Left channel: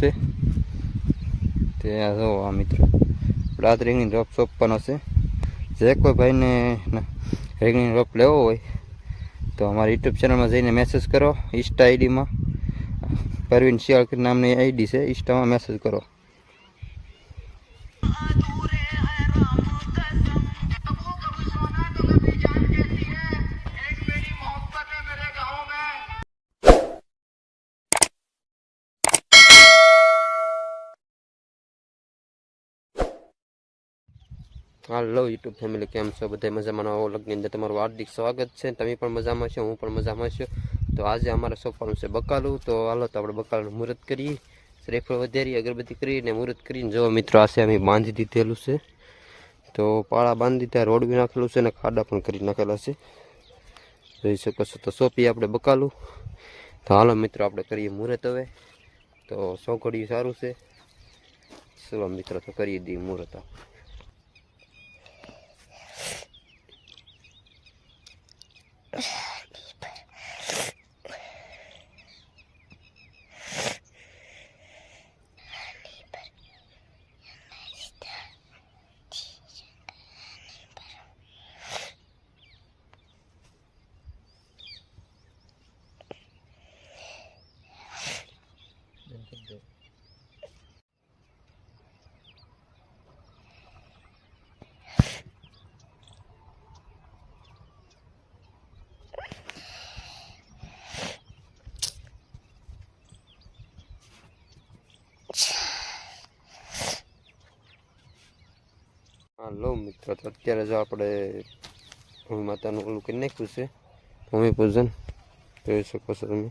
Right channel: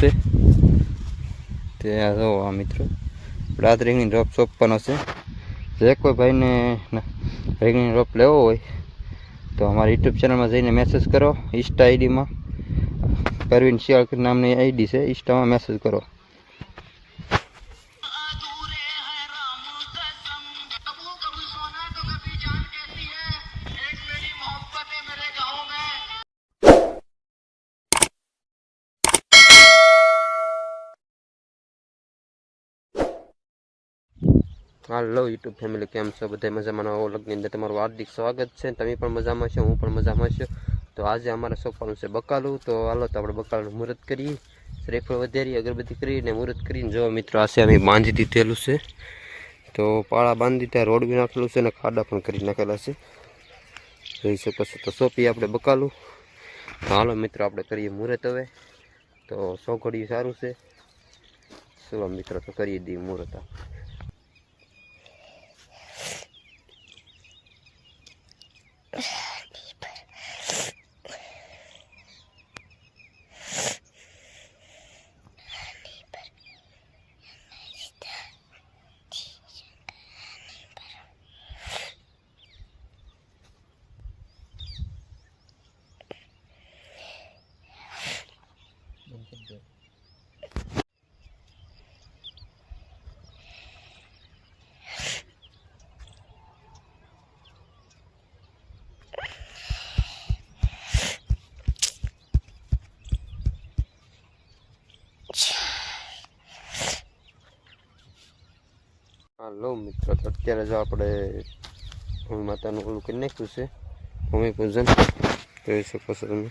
છે તે જો આ મિત્રો રાત રીંગણી રોપ સોંપવાનો છે. જે કોઈ ભાઈને રીંગણી રોપ લેવો હોય તો અમારા યુટ્યુબ ચેનલમાં જઈને મેસેજ કરો. ઇન્સ્ટા આઈડીમાં પરવીન શિયાળ નામની આઈડી છે, ઇન્સ્ટામાં મેસેજ કરો. હાલો યુટ્યુબ ફેમિલી, કેમ છો બધા? મજામાં? નવા વ્લોગની અંદર તમારું હાર્દિક સ્વાગત છે. તમે પણ મજામાં છો, હું પણ મજામાં છું. તો આજે અમારે સોંપવાનું છે બકાલું. તો હાલો તો આપણે બકાલું મુહૂર્ત કરીએ, શ્રીફળ વધારી, અગરબત્તી કરીને મુહૂર્ત કરીને જો મિત્રો આ છે અમે બાંધી દીધેલું છે. તો પાળા બાંધી દીધા, રોડ બી નાખેલું છે અને ખાડા પણ કરી નાખેલા છે, જોઈ શકો છો. તો સોંપીએ આપણે બકાલું. તો હાલો મિત્રો આપણે કરીએ મુહૂર્ત હવે. તો સોઘડિયું સારું છે. ચલો મિત્રો તો કરી દઈએ મુહૂર્ત. હાલો મિત્રો, તો અત્યારે જો આપણે ભૂમિ માતાનું ઓલું કરી નાખ્યું છે, ભૂમિ પૂજન જોઈ શકો છો તમે.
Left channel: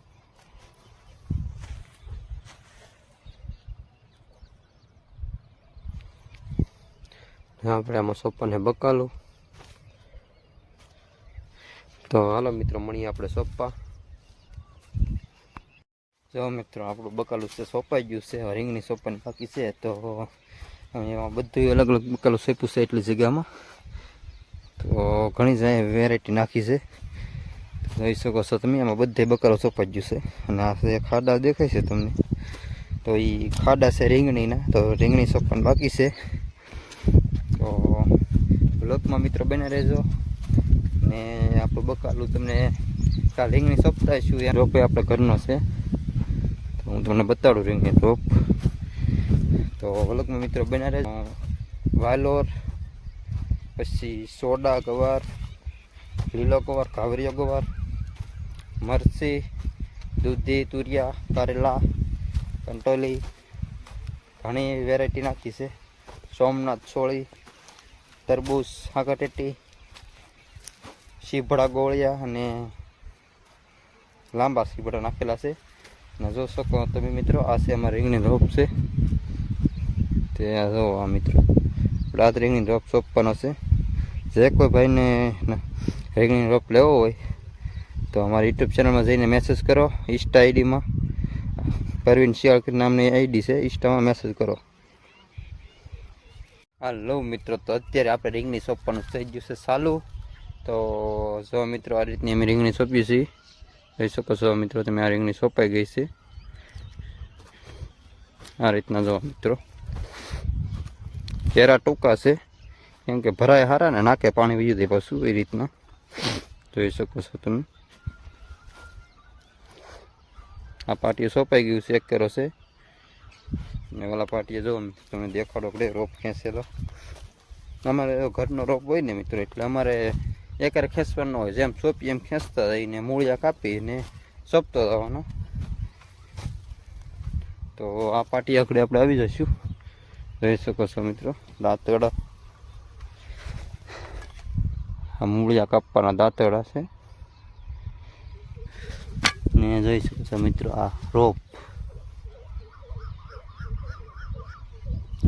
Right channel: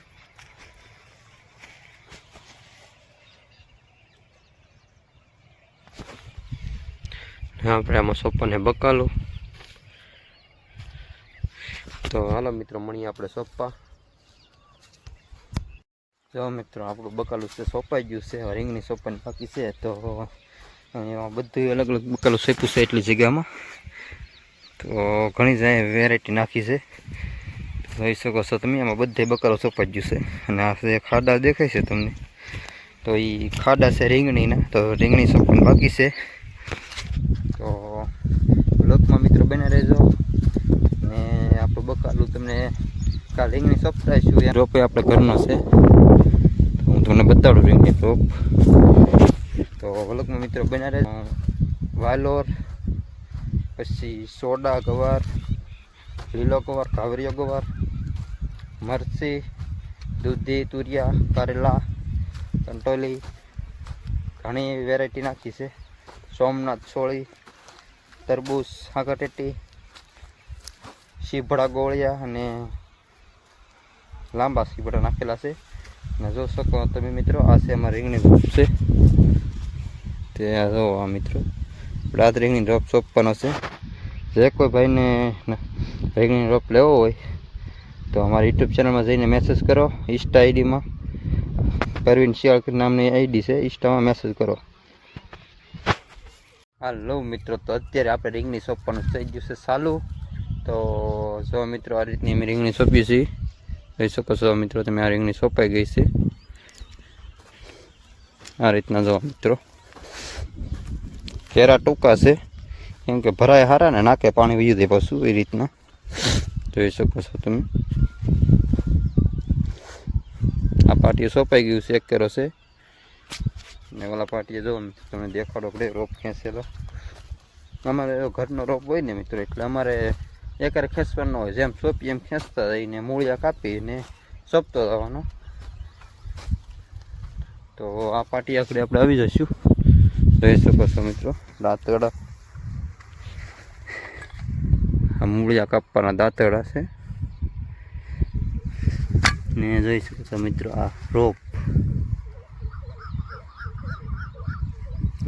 આપણે આમાં સોંપવાને બકાલું. તો હાલો મિત્રો મળીએ આપણે સોંપવા. જો મિત્રો આપણું બકાલું છે સોંપાઈ ગયું છે, રીંગણી સોંપવાની બાકી છે. તો એમાં બધું અલગ અલગ બકાલું સોંપ્યું છે એટલી જગ્યામાં. તો ઘણી જાય વેરાયટી નાખી છે, જોઈ શકો છો તમે. એમાં બધે બકાલો સોંપાઈ ગયું છે. અને આ જે ખાડા દેખાય છે તમને, તો એ ખાડા છે રીંગણીના. તો રીંગણી સોંપવાની બાકી છે. તો બ્લોકમાં મિત્રો બને રહેજો. ને આપણું બકાલું તમને કાલ રીંગણી સોંપતા છું. એ રોપે આપણે ઘરનો છે, તો હું તમને બતાડું રીંગણી રોપ. તો બ્લોકમાં મિત્રો બને રહેજો. વાલોર, પછી સોડા ગવાર, લીલો ગવાર, ઘાવરિયો ગવાર, મરચી, દૂધી, તુરિયા, કારેલા, કંટોલી, ઘણી વેરાયટી નાખી છે. સોમનાથ સોળી, તરબૂચ, હાકાટેટી, શીભડા ગોળિયા અને લાંબા શીભડા નાખેલા છે. અને જો શકો તમે મિત્રો, આ છે અમારા રીંગણી રોપ છે. તે જો આ મિત્રો રાત રીંગણી રોપ સોંપવાનો છે. જે કોઈ ભાઈને રીંગણી રોપ લેવો હોય તો અમારા યુટ્યુબ ચેનલમાં જઈને મેસેજ કરો. ઇન્સ્ટા આઈડીમાં પરવીન શિયાળ નામની આઈડી છે, ઇન્સ્ટામાં મેસેજ કરો. હાલો મિત્રો, તો અત્યારે આપણે રીંગણી સોંપવાનું થઈ ગયું છે ચાલુ. તો જો મિત્રો આ રીતની અમે રીંગણી સોંપીએ છીએ, જોઈ શકો છો મિત્રો તમે. આ રીંગણી સોંપાઈ ગઈ છે આ રીતના. જો મિત્રો કેરા ટૂંકા છે, કેમ કે ભરાય હારા ને નાકે પાણી વીયું દે પાછું, એ રીતના જોઈ શકો છો તમે. આ પાટીએ સોંપાઈ ગયું છે, એક કેરો છે. ને ઓલા પાટીએ જો તમને દેખાડો આપણે રોપ ખેંચેલો. અમારે ઘરનો રોપ હોય ને મિત્રો, એટલે અમારે એકારે ખેંચવાનો હોય. જેમ સોંપી એમ ખેંચતા જઈને મૂળિયા કાપીને સોંપતો જવાનો. તો આ પાટી આખરે આપણે આવી જઈશું, જોઈ શકો છો મિત્રો. દાંતરડા, આ મૂળિયા કાપવાના દાંતરડા છે. ને જોઈ શકો છો મિત્રો આ રોપ,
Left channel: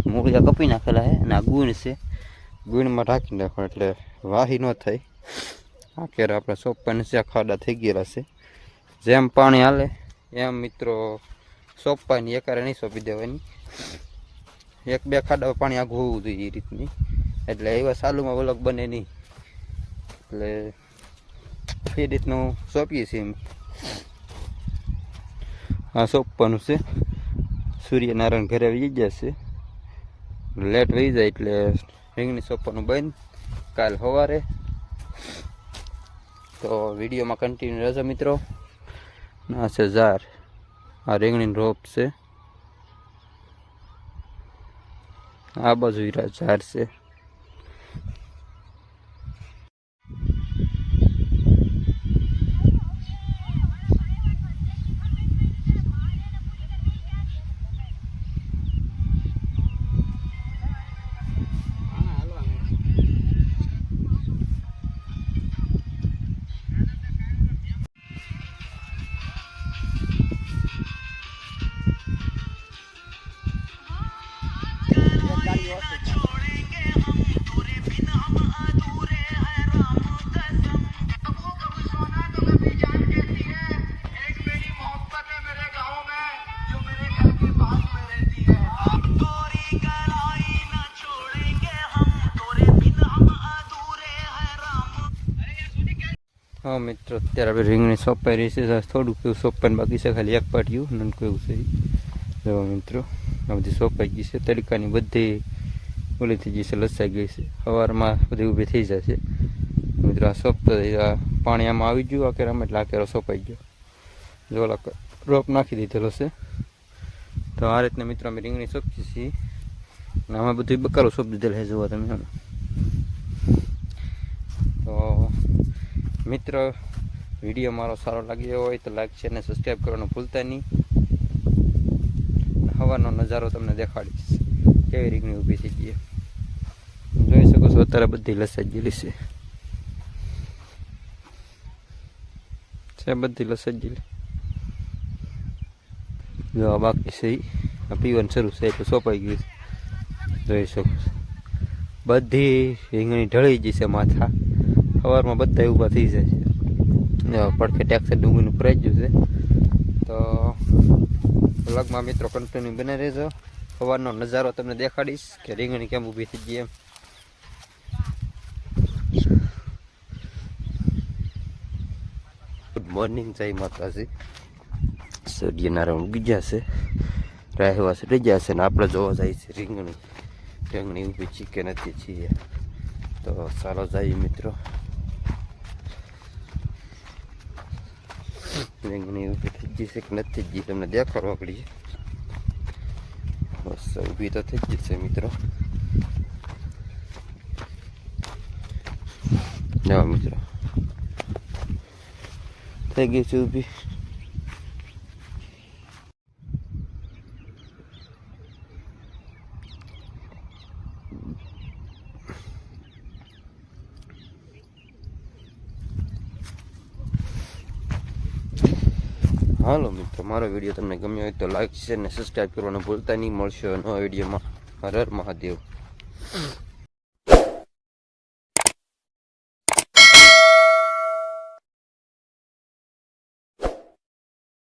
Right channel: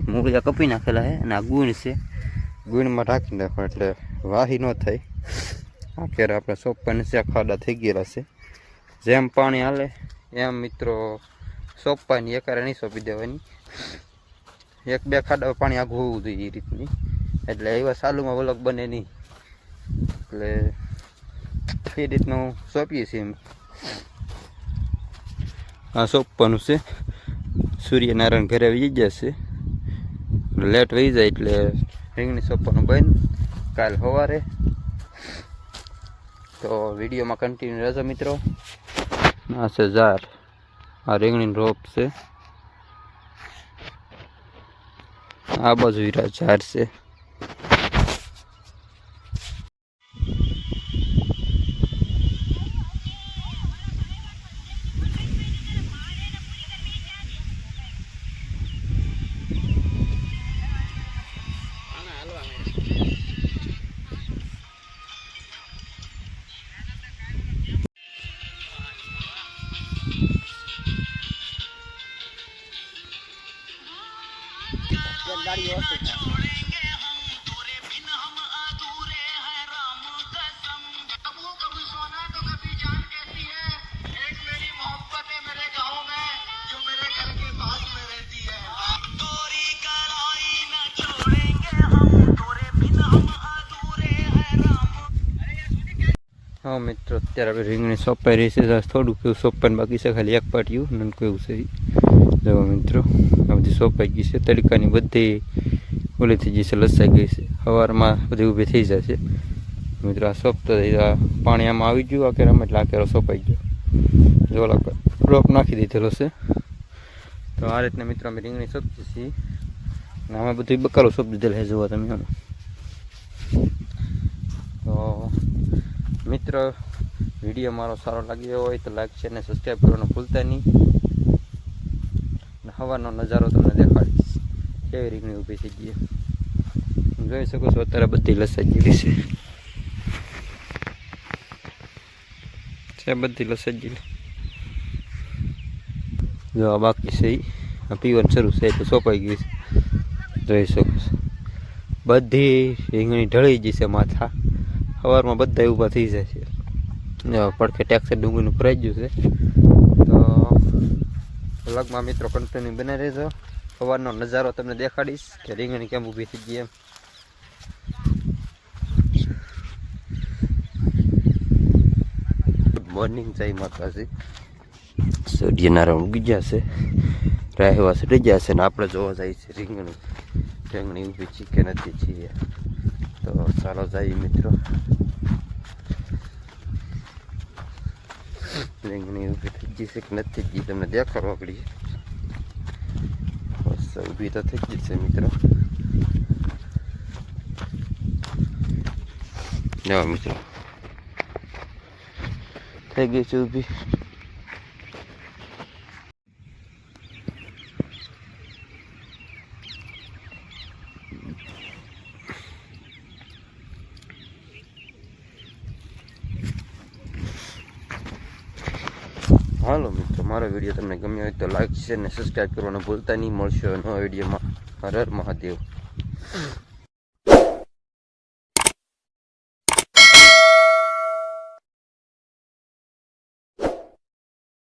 મૂળિયા કપી નાખેલા છે. અને આ ગુણ છે, ગુણમાં ઢાંકી નાખો એટલે વાહી ન થાય. આ કેરા આપણે સોંપવાની છે, ખાડા થઈ ગયેલા છે. જેમ પાણી હાલે એમ મિત્રો સોંપવાની, એકારે નહીં સોંપી દેવાની. એક બે ખાડા પાણી આઘું હોવું જોઈએ એ રીતની, એટલે એવા સાલુમાં વલક બને નહીં. એટલે એ રીતનું સોંપીએ છીએ. આ સોંપવાનું છે. સૂર્યનારાયણ ઘરે આવી જશે, લેટ વહી જાય એટલે રીંગણી સોંપવાનું બંધ કાલ સવારે. તો વિડીયોમાં કન્ટિન્યુ રહેજો મિત્રો. આ છે ઝાર, આ રીંગણીનો રોપ છે, આ બાજુ હીરા ઝાર છે. હા મિત્રો, અત્યારે આપણે રીંગણી સોંપાઈ રહી છે. થોડુંક એવું સોંપવાનું બાકી છે, ખાલી એક પાટિયું નાનકું એવું છે. જો મિત્રો, આ બધી સોંપાઈ ગઈ છે. તડકાની બધી ઓલી થઈ ગઈ છે, લસાઈ ગઈ છે. સવારમાં બધી ઊભી થઈ જાય છે મિત્રો. આ સોંપતો પાણી આમાં આવી ગયું આ કેરામાં, એટલે આ કેરો સોંપાઈ ગયો. જો રોપ નાખી દીધેલો છે. તો આ રીતના મિત્રો અમે રીંગણી સોંપીએ છીએ. અને આમાં બધું બકાલો સોંપી દીધેલ છે, જોવા તમે. તો મિત્રો, વિડીયો મારો સારો લાગ્યો હોય તો લાઈક છે અને સબસ્ક્રાઈબ કરવાનું ભૂલતા નહીં. હવાનો નજારો તમને દેખાડીશ, કેવી રીંગણી ઊભી થઈ ગઈ. જોઈ શકો છો અત્યારે બધી લસાઈ ગયેલી છે, બધી લસાઈ ગયેલી. જો આ બાકી છે, આ પીવાનું શરૂ છે એટલે સોંપાઈ ગઈ છે. જોઈ શકો છો બધી રીંગણી ઢળી ગઈ છે માથા. સવારમાં બધા ઊભા થઈ જાય છે. પડખે ટેક્સર ડુંગળીનું ભરાઈ ગયું છે. તો વ્લોગમાં મિત્રો કન્ટિન્યુ બને રહેજો. સવારનો નજારો તમને દેખાડીશ કે રીંગણી કેમ ઊભી થઈ ગઈ એમ. ગુડ મોર્નિંગ, જય માતાજી. સૂર્યનારાયણ ઉગી ગયા છે, રાહવા ચડી ગયા છે, ને આપણે જોવા જાય છે રીંગણી ઊભી છે કે નથી છીએ. તો ચાલો જઈએ મિત્રો. રીંગણી ઊભી થઈ ગઈ છે કે નથી થઈ ગઈ તમને દેખાડવા પડી. બસ ઊભી તો થઈ ગઈ છે મિત્રો. જવા મિત્રો, થઈ ગઈ છે ઊભી. હાલો મિત્રો, મારો વિડીયો તમને ગમ્યો હોય તો લાઈક, શેર અને સબસ્ક્રાઈબ કરવાનું ભૂલતા નહીં. મળશે નવા વિડીયોમાં. હર હર મહાદેવ.